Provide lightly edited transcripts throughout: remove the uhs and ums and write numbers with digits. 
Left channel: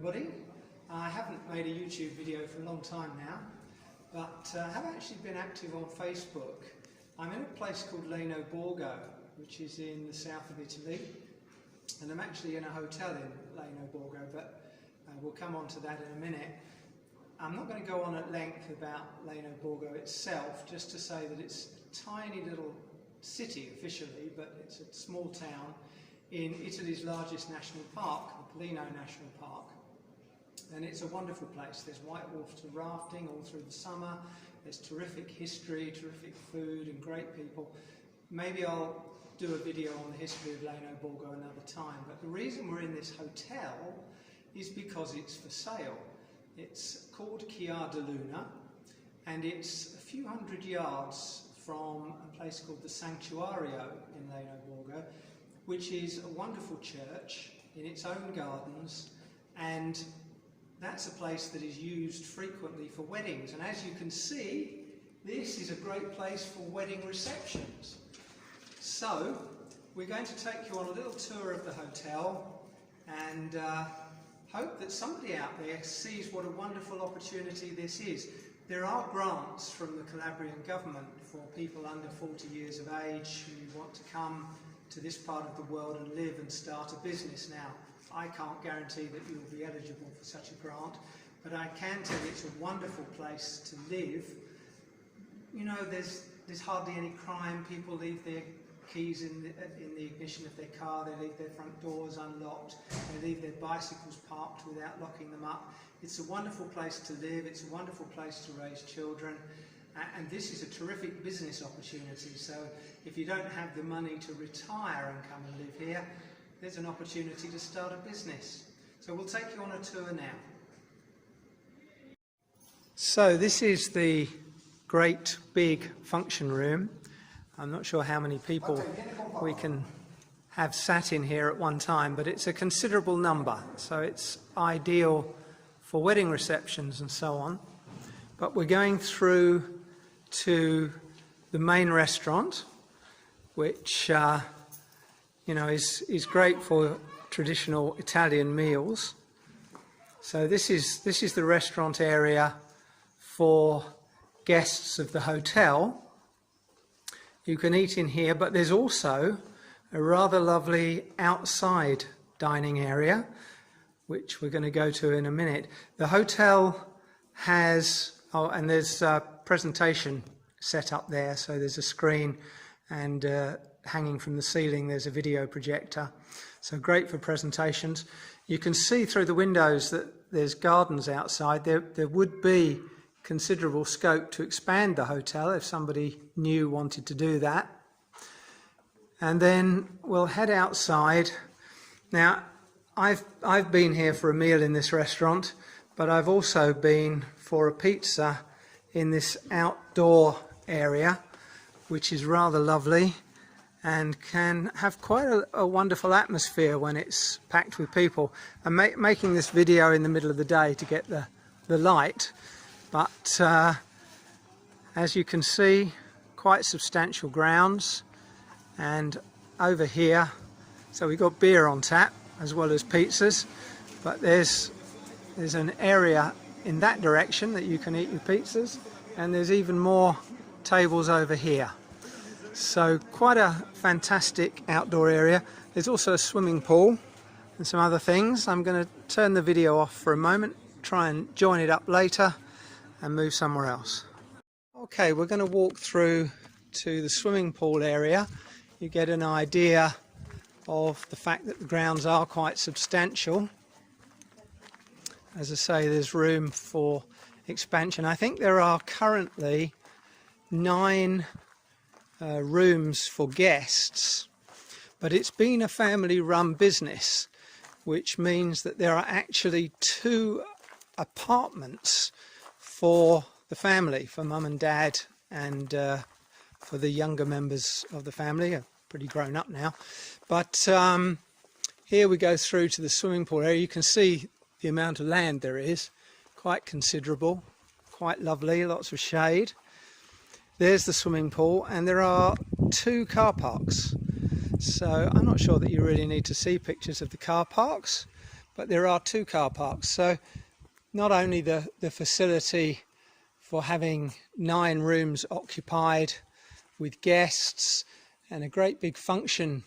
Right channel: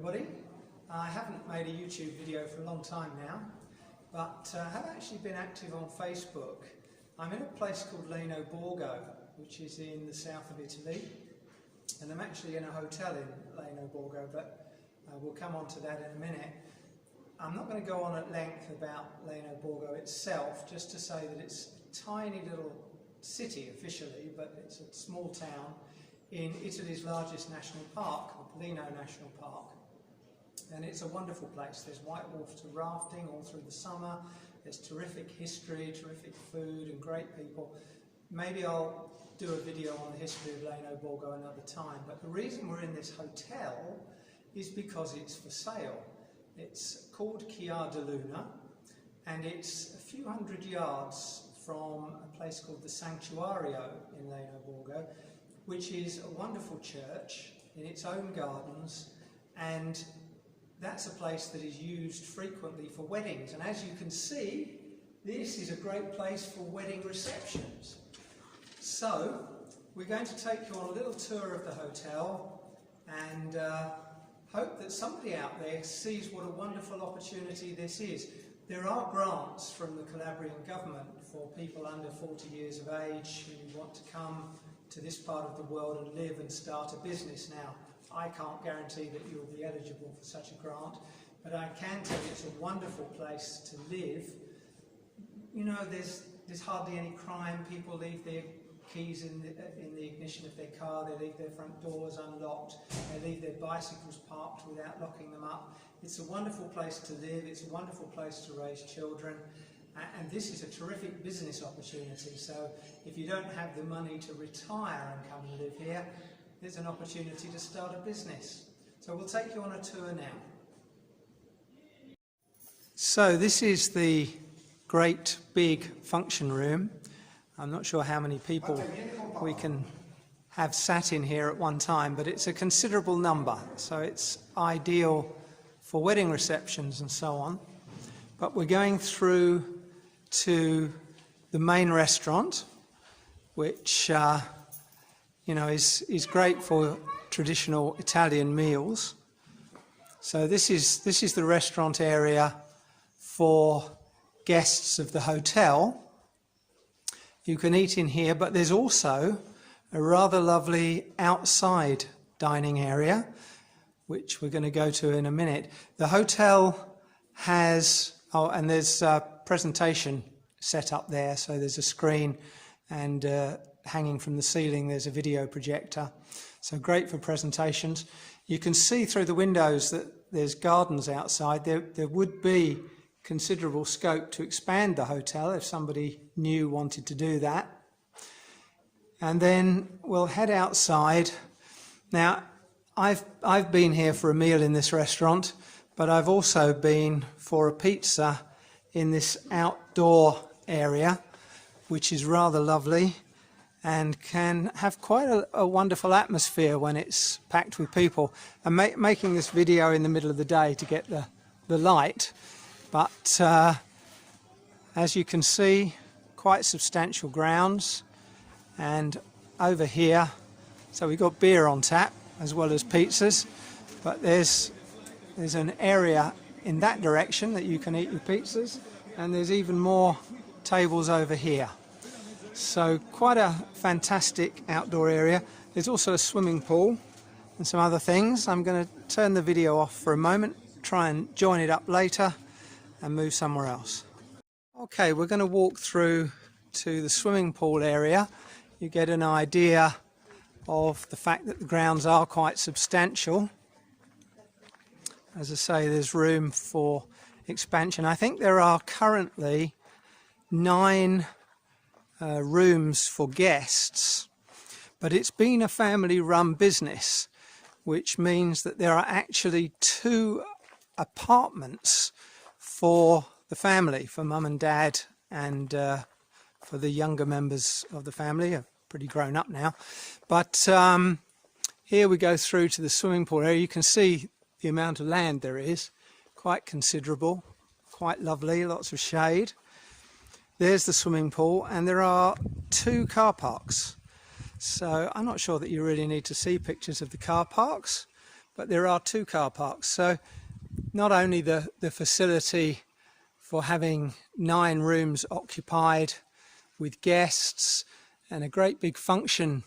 everybody. I haven't made a YouTube video for a long time now, but have actually been active on Facebook. I'm in a place called Leno Borgo, which is in the south of Italy, and I'm actually in a hotel in Leno Borgo, but we'll come on to that in a minute. I'm not going to go on at length about Leno Borgo itself, just to say that it's a tiny little city officially, but it's a small town in Italy's largest national park, the Plano National Park. And it's a wonderful place. There's whitewater rafting all through the summer. There's terrific history, terrific food and great people. Maybe I'll do a video on the history of Leno Borgo another time, but the reason we're in this hotel is because it's for sale. It's called Chiar de Luna, and it's a few hundred yards from a place called the Sanctuario in Leno Borgo, which is a wonderful church in its own gardens, and that's a place that is used frequently for weddings. And as you can see, this is a great place for wedding receptions. So we're going to take you on a little tour of the hotel and hope that somebody out there sees what a wonderful opportunity this is. There are grants from the Calabrian government for people under 40 years of age who want to come to this part of the world and live and start a business. Now, I can't guarantee that you will be eligible for such a grant, but I can tell you it's a wonderful place to live. You know, there's hardly any crime. People leave their keys in the ignition of their car, they leave their front doors unlocked, they leave their bicycles parked without locking them up. It's a wonderful place to live, it's a wonderful place to raise children, and this is a terrific business opportunity. So if you don't have the money to retire and come and live here, there's an opportunity to start a business. So we'll take you on a tour now. So this is the great big function room. I'm not sure how many people we can have sat in here at one time, but it's a considerable number, so it's ideal for wedding receptions and so on. But we're going through to the main restaurant, which you know, is great for traditional Italian meals. So this is the restaurant area for guests of the hotel. You can eat in here, but there's also a rather lovely outside dining area, which we're going to go to in a minute. The hotel has, and there's a presentation set up there, so there's a screen, and hanging from the ceiling there's a video projector, so great for presentations. You can see through the windows that there's gardens outside. There would be considerable scope to expand the hotel if somebody new wanted to do that. And then we'll head outside. Now, I've been here for a meal in this restaurant, but I've also been for a pizza in this outdoor area, which is rather lovely and can have quite a wonderful atmosphere when it's packed with people. I'm making this video in the middle of the day to get the light, but as you can see, quite substantial grounds. And over here, so we've got beer on tap as well as pizzas, but there's an area in that direction that you can eat your pizzas, and there's even more tables over here. So quite a fantastic outdoor area. There's also a swimming pool and some other things. I'm going to turn the video off for a moment, try and join it up later and move somewhere else. Okay, we're going to walk through to the swimming pool area. You get an idea of the fact that the grounds are quite substantial. As I say, there's room for expansion. I think there are currently 9 rooms for guests, but it's been a family-run business, which means that there are actually 2 apartments for the family, for mum and dad, and for the younger members of the family, are pretty grown up now. But here we go through to the swimming pool area. You can see the amount of land there is, quite considerable, quite lovely, lots of shade. There's the swimming pool, and there are 2 car parks. So I'm not sure that you really need to see pictures of the car parks, but there are 2 car parks. So not only the facility for having 9 rooms occupied with guests and a great big function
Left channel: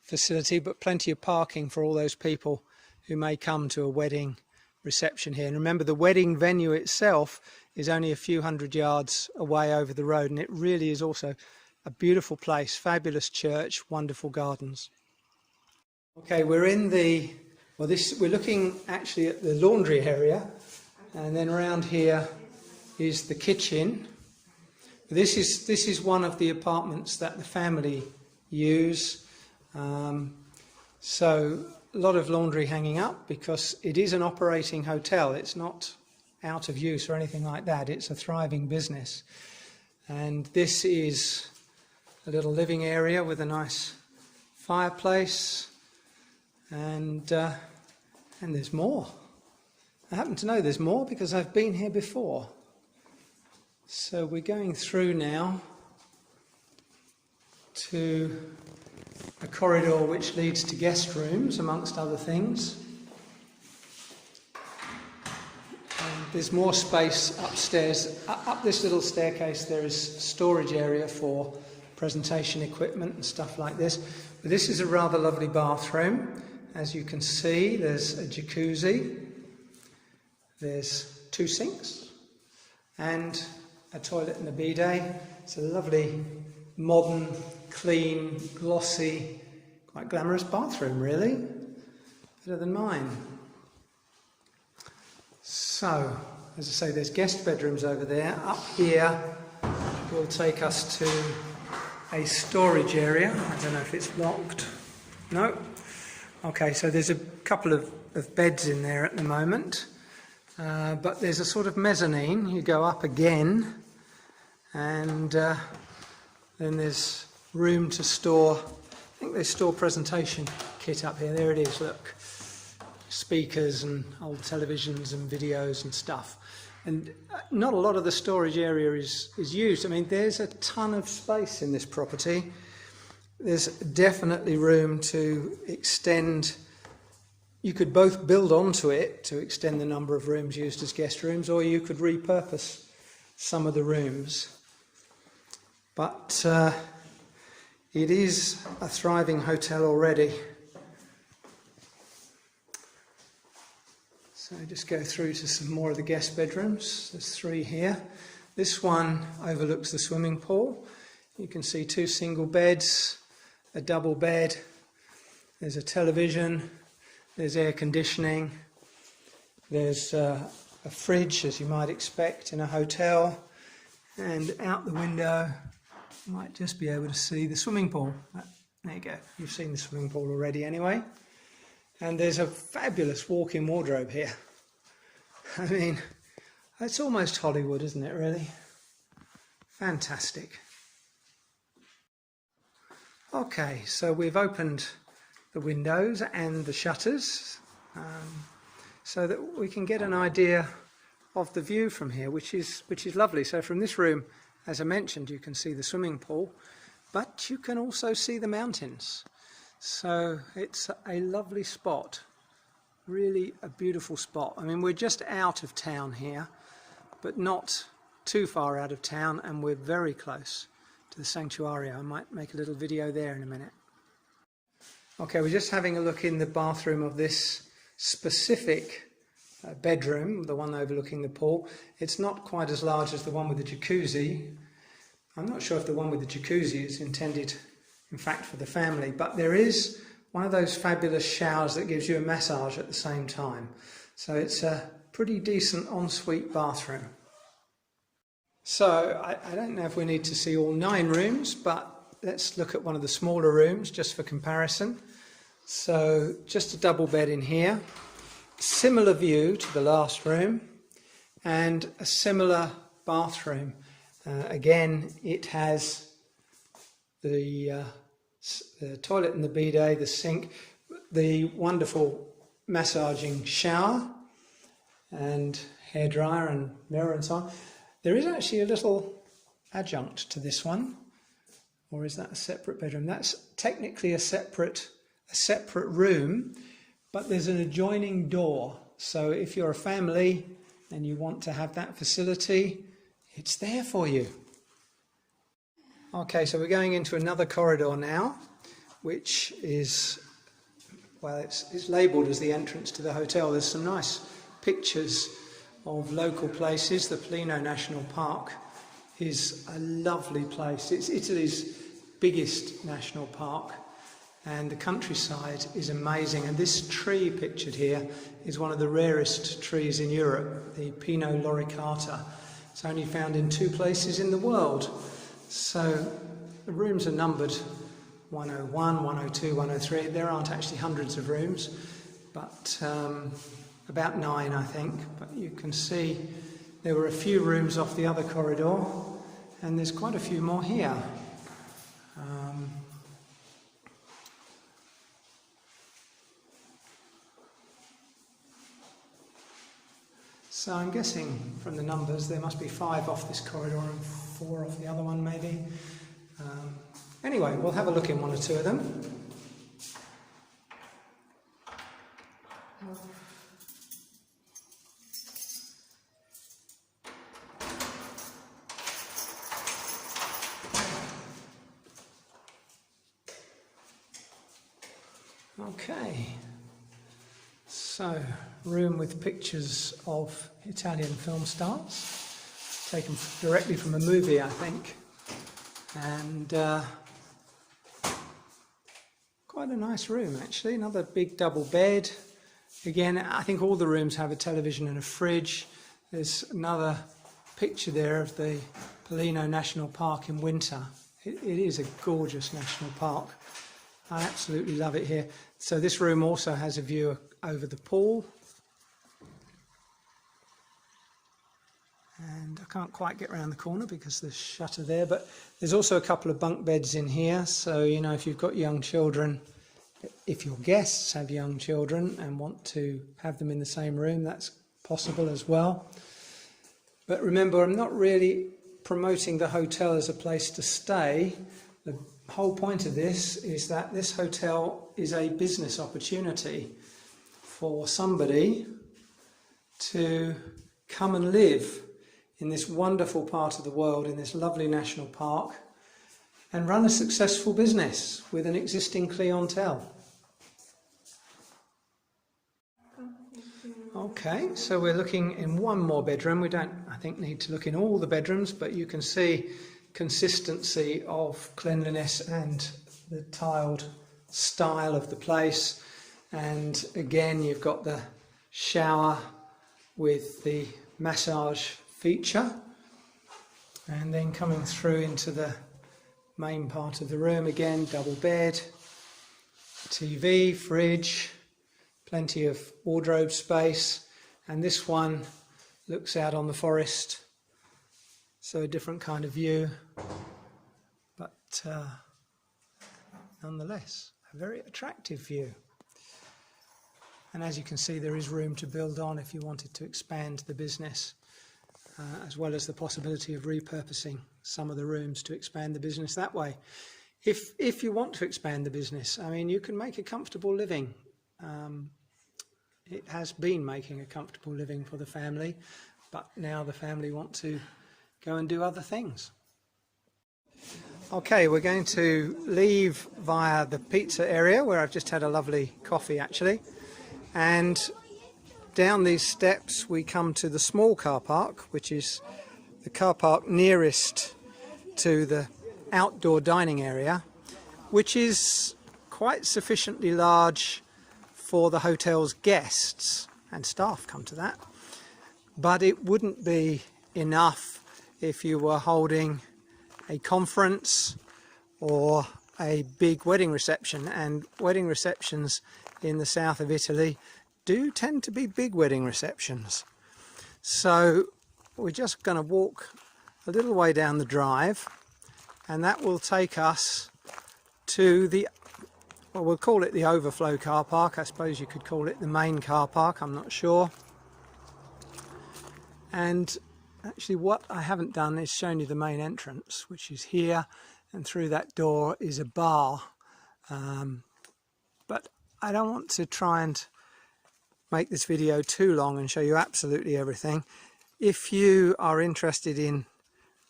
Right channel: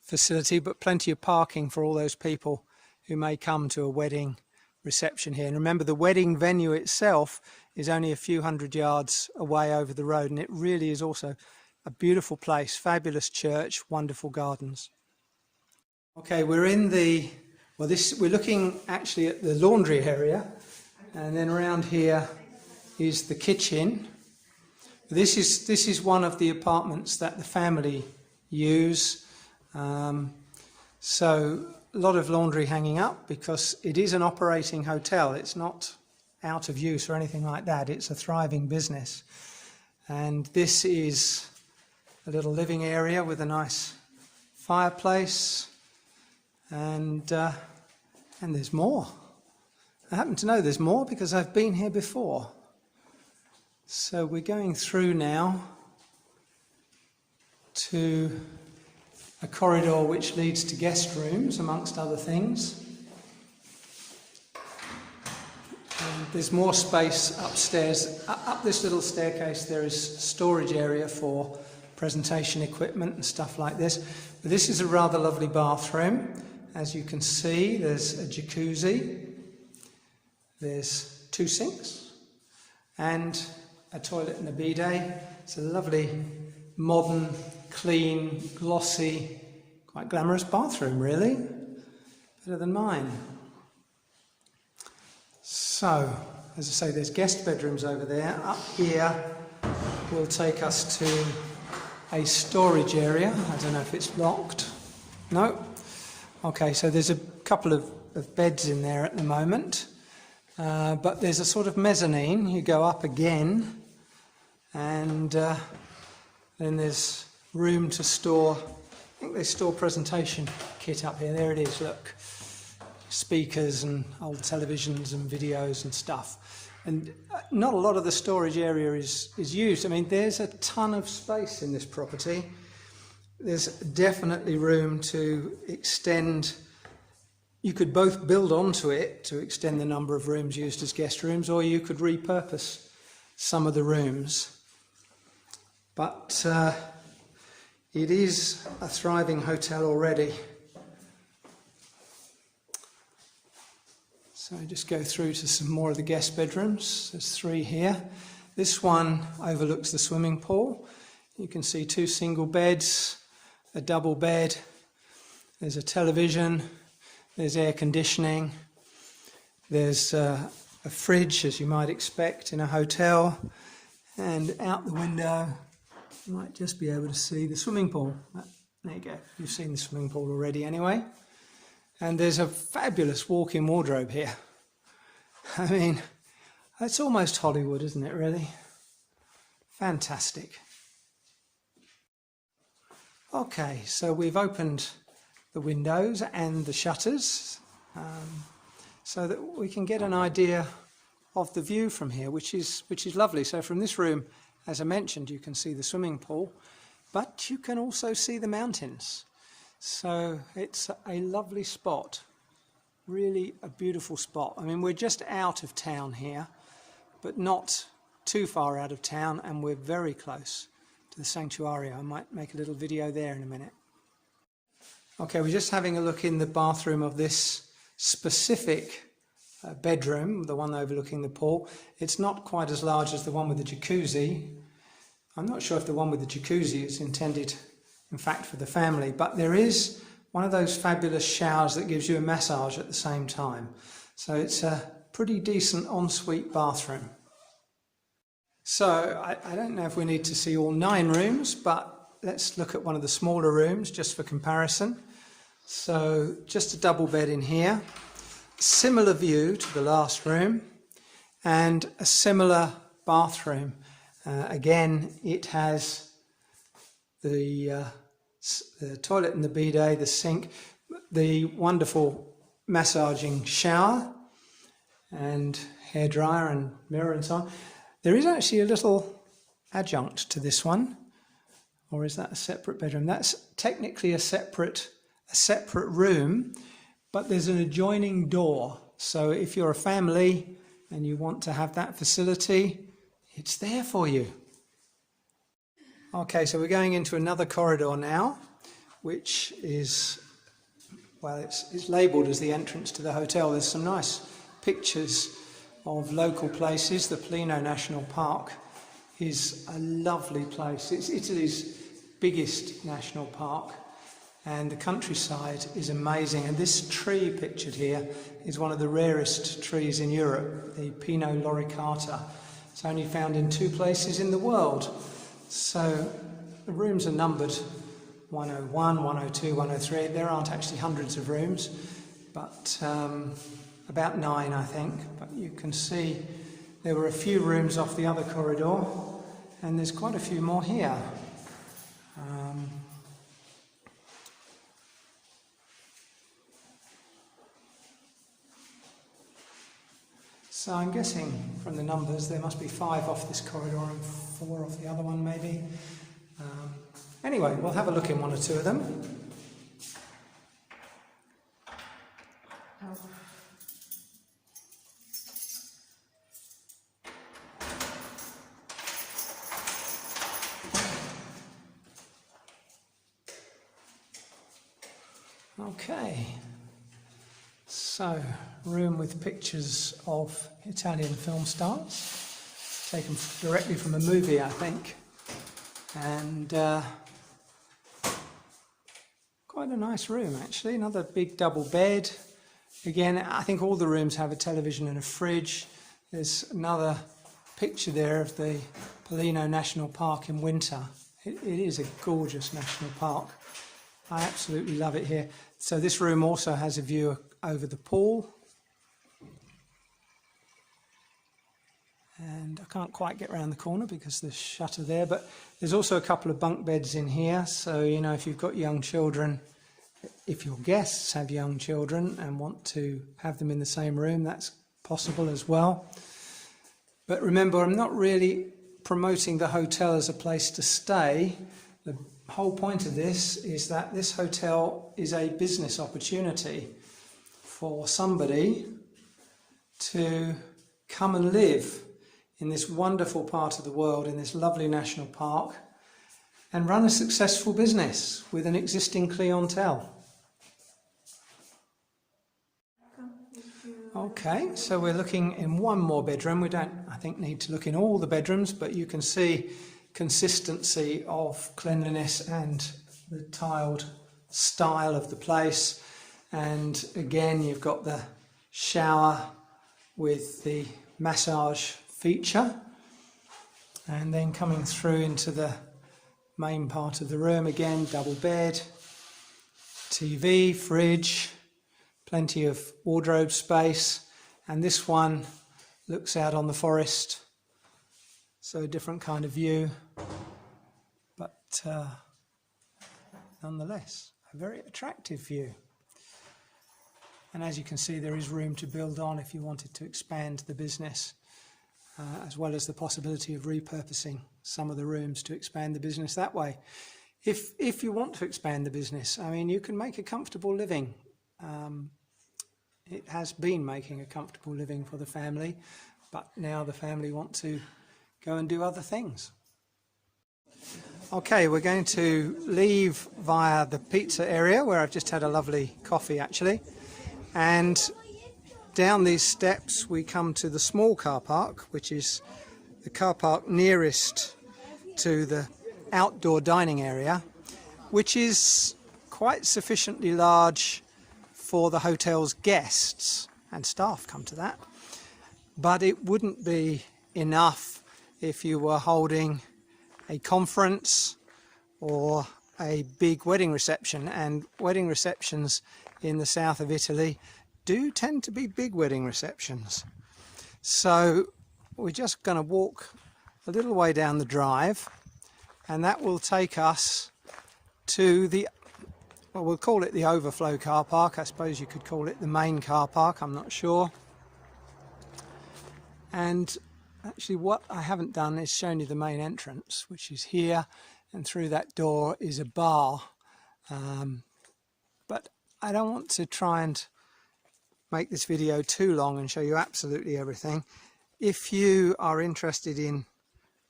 facility, but plenty of parking for all those people who may come to a wedding reception here. And remember, the wedding venue itself is only a few hundred yards away over the road, and it really is also a beautiful place, fabulous church, wonderful gardens. Okay, we're in we're looking actually at the laundry area, and then around here is the kitchen. This is one of the apartments that the family use. So a lot of laundry hanging up because it is an operating hotel. It's not out of use or anything like that. It's a thriving business. And this is a little living area with a nice fireplace, and there's more. I happen to know there's more because I've been here before. So we're going through now to a corridor which leads to guest rooms, amongst other things. And there's more space upstairs. Up this little staircase there is storage area for presentation equipment and stuff like this. But this is a rather lovely bathroom. As you can see, there's a jacuzzi, there's 2 sinks, and a toilet and a bidet. It's a lovely, modern, clean, glossy, quite glamorous bathroom, really. Better than mine. So, as I say, there's guest bedrooms over there. Up here will take us to a storage area. I don't know if it's locked. No. Okay, so there's a couple of beds in there at the moment. But there's a sort of mezzanine. You go up again, and then there's room to store, I think they store presentation kit up here. There it is, look. Speakers and old televisions and videos and stuff. And not a lot of the storage area is used. I mean, there's a ton of space in this property. There's definitely room to extend. You could both build onto it to extend the number of rooms used as guest rooms, or you could repurpose some of the rooms. But it is a thriving hotel already. So just go through to some more of the guest bedrooms. There's 3 here. This one overlooks the swimming pool. You can see 2 single beds, a double bed. There's a television. There's air conditioning. There's a fridge, as you might expect in a hotel. And out the window, you might just be able to see the swimming pool. There you go. You've seen the swimming pool already anyway. And there's a fabulous walk-in wardrobe here. I mean, it's almost Hollywood, isn't it, really? Fantastic. Okay, so we've opened the windows and the shutters so that we can get an idea of the view from here, which is lovely. So from this room, as I mentioned, you can see the swimming pool, but you can also see the mountains. So it's a lovely spot, really a beautiful spot. I mean, we're just out of town here, but not too far out of town, and we're very close to the sanctuary. I might make a little video there in a minute. Okay, we're just having a look in the bathroom of this specific bedroom, the one overlooking the pool. It's not quite as large as the one with the jacuzzi. I'm not sure if the one with the jacuzzi is intended, in fact, for the family, but there is one of those fabulous showers that gives you a massage at the same time. So it's a pretty decent ensuite bathroom. So I don't know if we need to see all 9 rooms, but let's look at one of the smaller rooms just for comparison. So just a double bed in here, similar view to the last room, and a similar bathroom. Again, it has the toilet and the bidet, the sink, the wonderful massaging shower and hairdryer and mirror and so on. There is actually a little adjunct to this one, or is that a separate bedroom? That's technically a separate room, but there's an adjoining door. So if you're a family and you want to have that facility, it's there for you. Okay, so we're going into another corridor now, which is, well, it's labelled as the entrance to the hotel. There's some nice pictures of local places. The Plano National Park is a lovely place. It's Italy's biggest national park, and the countryside is amazing. And this tree pictured here is one of the rarest trees in Europe, the Pinot loricata. It's only found in 2 places in the world. So the rooms are numbered 101, 102, 103. There aren't actually hundreds of rooms, but about 9, I think. But you can see there were a few rooms off the other corridor, and there's quite a few more here. So I'm guessing from the numbers there must be 5 off this corridor and 4 off the other one maybe. Anyway, we'll have a look in 1 or 2 of them. Okay, so room with pictures of Italian film stars, taken directly from a movie, I think, and quite a nice room actually. Another big double bed. Again, I think all the rooms have a television and a fridge. There's another picture there of the Plano National Park in winter. It is a gorgeous national park. I absolutely love it here. So this room also has a view over the pool. And I can't quite get around the corner because there's a shutter there, but there's also a couple of bunk beds in here. So, you know, if you've got young children, if your guests have young children and want to have them in the same room, that's possible as well. But remember, I'm not really promoting the hotel as a place to stay. The whole point of this is that this hotel is a business opportunity for somebody to come and live in this wonderful part of the world, in this lovely national park, and run a successful business with an existing clientele. Okay, so we're looking in 1 more bedroom. We don't, I think, need to look in all the bedrooms, but you can see consistency of cleanliness and the tiled style of the place. And again, you've got the shower with the massage feature, and then coming through into the main part of the room, again, double bed, TV, fridge, plenty of wardrobe space, and this one looks out on the forest, so a different kind of view, but nonetheless a very attractive view. And as you can see, there is room to build on if you wanted to expand the business, as well as the possibility of repurposing some of the rooms to expand the business that way. If you want to expand the business, I mean, you can make a comfortable living. It has been making a comfortable living for the family, but now the family want to go and do other things. Okay, we're going to leave via the pizza area, where I've just had a lovely coffee actually, and down these steps we come to the small car park, which is the car park nearest to the outdoor dining area, which is quite sufficiently large for the hotel's guests, and staff come to that, but it wouldn't be enough if you were holding a conference or a big wedding reception. And wedding receptions in the south of Italy do tend to be big wedding receptions. So we're just going to walk a little way down the drive, and that will take us to the, well, we'll call it the overflow car park. I suppose you could call it the main car park, I'm not sure. And actually what I haven't done is shown you the main entrance, which is here, and through that door is a bar. But I don't want to try and make this video too long and show you absolutely everything. If you are interested in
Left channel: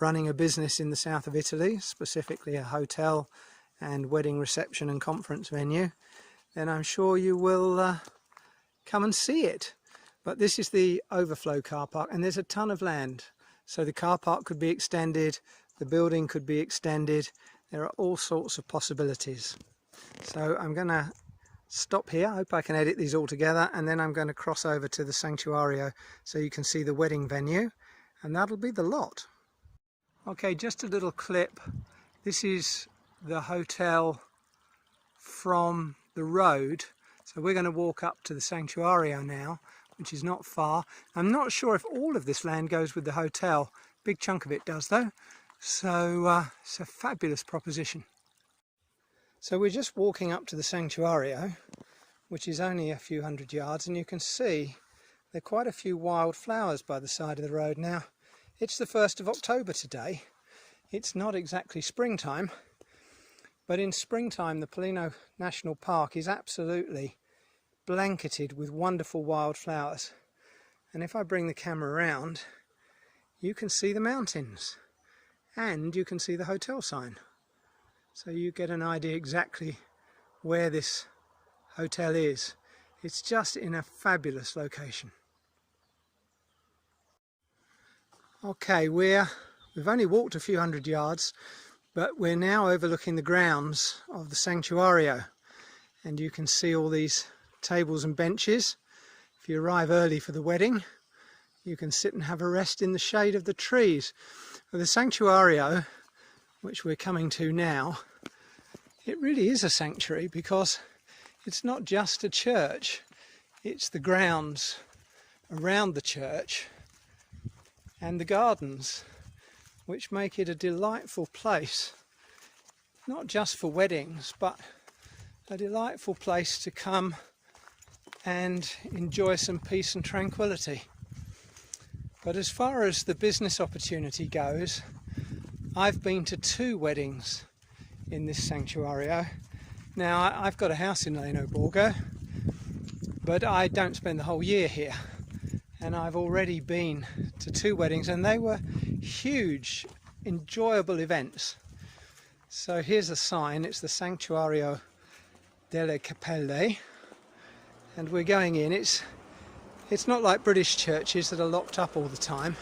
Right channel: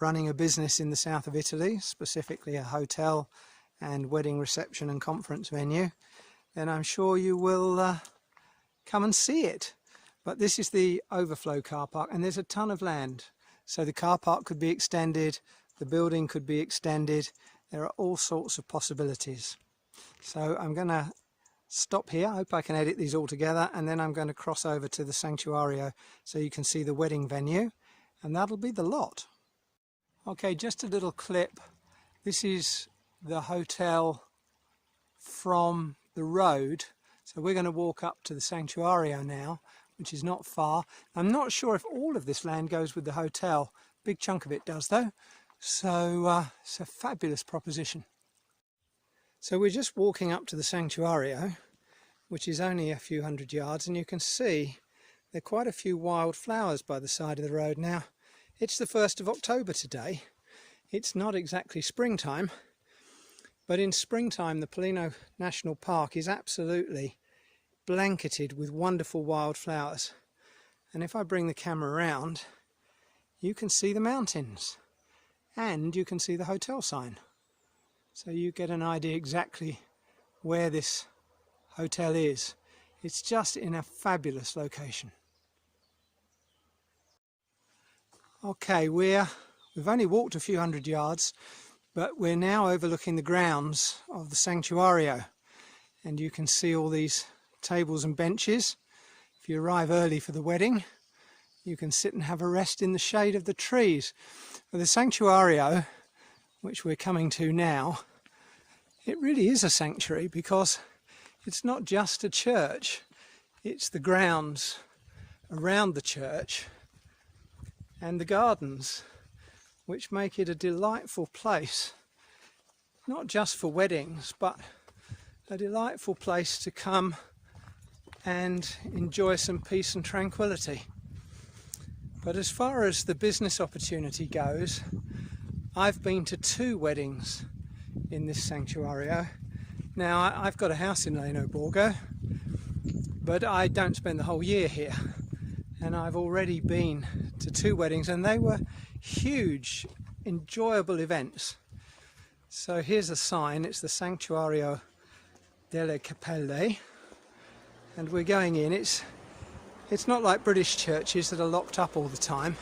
running a business in the south of Italy, specifically a hotel and wedding reception and conference venue, then I'm sure you will come and see it. But this is the overflow car park, and there's a ton of land. So the car park could be extended, the building could be extended. There are all sorts of possibilities. So I'm going to stop here. I hope I can edit these all together, and then I'm going to cross over to the Sanctuario so you can see the wedding venue, and that'll be the lot. Okay, just a little clip. This is the hotel from the road. So we're going to walk up to the Sanctuario now, which is not far. I'm not sure if all of this land goes with the hotel. Big chunk of it does though. So it's a fabulous proposition. So we're just walking up to the Sanctuario, which is only a few hundred yards, and you can see there are quite a few wild flowers by the side of the road. Now, it's the 1st of October today. It's not exactly springtime, but in springtime the Plano National Park is absolutely blanketed with wonderful wildflowers. And if I bring the camera around, you can see the mountains and you can see the hotel sign. So you get an idea exactly where this hotel is. It's just in a fabulous location. Okay, we've only walked a few hundred yards, but we're now overlooking the grounds of the Sanctuario, and you can see all these tables and benches. If you arrive early for the wedding, you can sit and have a rest in the shade of the trees. For the Sanctuario, which we're coming to now, it really is a sanctuary because it's not just a church, it's the grounds around the church and the gardens, which make it a delightful place, not just for weddings, but a delightful place to come and enjoy some peace and tranquility. But as far as the business opportunity goes, I've been to 2 weddings in this Sanctuario. Now, I've got a house in Leno Borgo, but I don't spend the whole year here. And I've already been to 2 weddings, and they were huge, enjoyable events. So here's a sign. It's the Sanctuario delle Cappelle, and we're going in. It's not like British churches that are locked up all the time.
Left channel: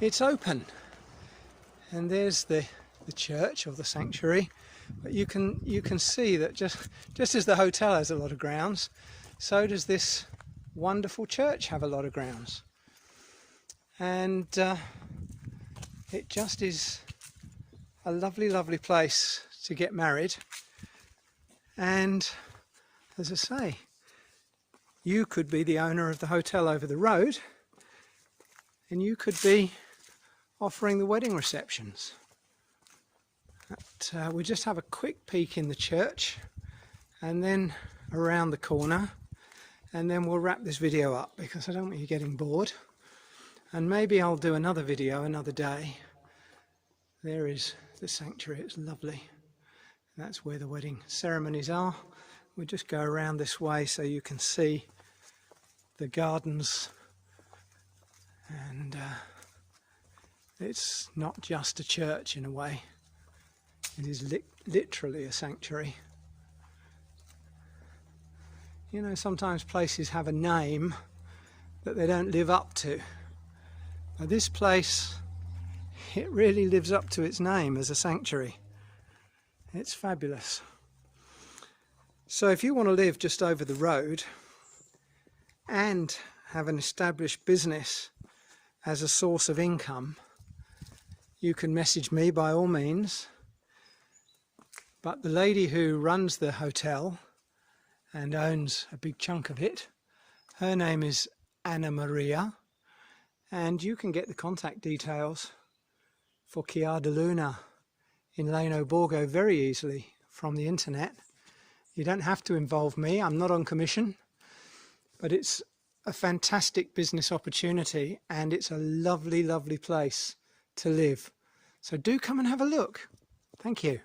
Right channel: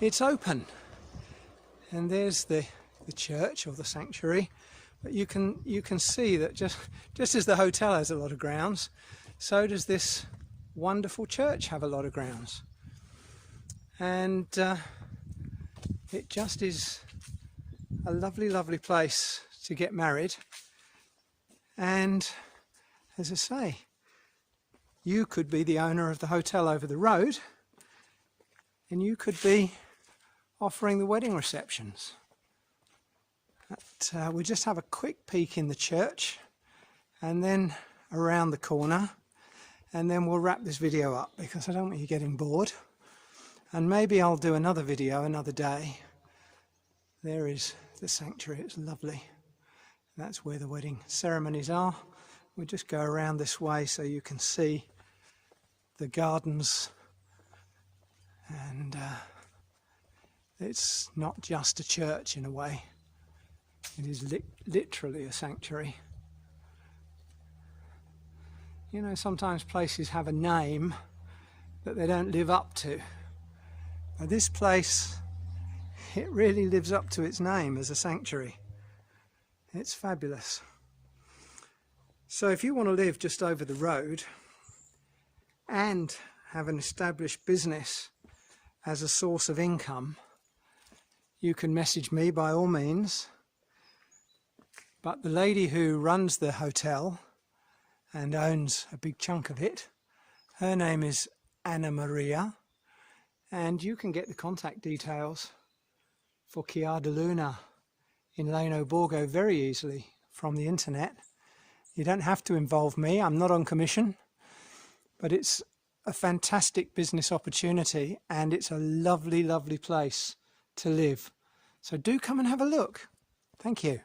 It's open, and there's the church or the sanctuary. But you can see that just as the hotel has a lot of grounds, so does this wonderful church have a lot of grounds. And it just is a lovely, lovely place to get married. And as I say, you could be the owner of the hotel over the road, and you could be offering the wedding receptions. But we'll just have a quick peek in the church and then around the corner, and then we'll wrap this video up because I don't want you getting bored. And maybe I'll do another video another day. There is the sanctuary, it's lovely. And that's where the wedding ceremonies are. We'll just go around this way so you can see the gardens, and it's not just a church in a way, it is literally a sanctuary. You know, sometimes places have a name that they don't live up to. Now, this place, it really lives up to its name as a sanctuary. It's fabulous. So if you want to live just over the road and have an established business as a source of income, you can message me by all means. But the lady who runs the hotel and owns a big chunk of it, her name is Anna Maria, and you can get the contact details for Chiar de Luna in Leno Borgo very easily from the internet. You don't have to involve me, I'm not on commission, but it's a fantastic business opportunity and it's a lovely, lovely place to live. So do come and have a look. Thank you.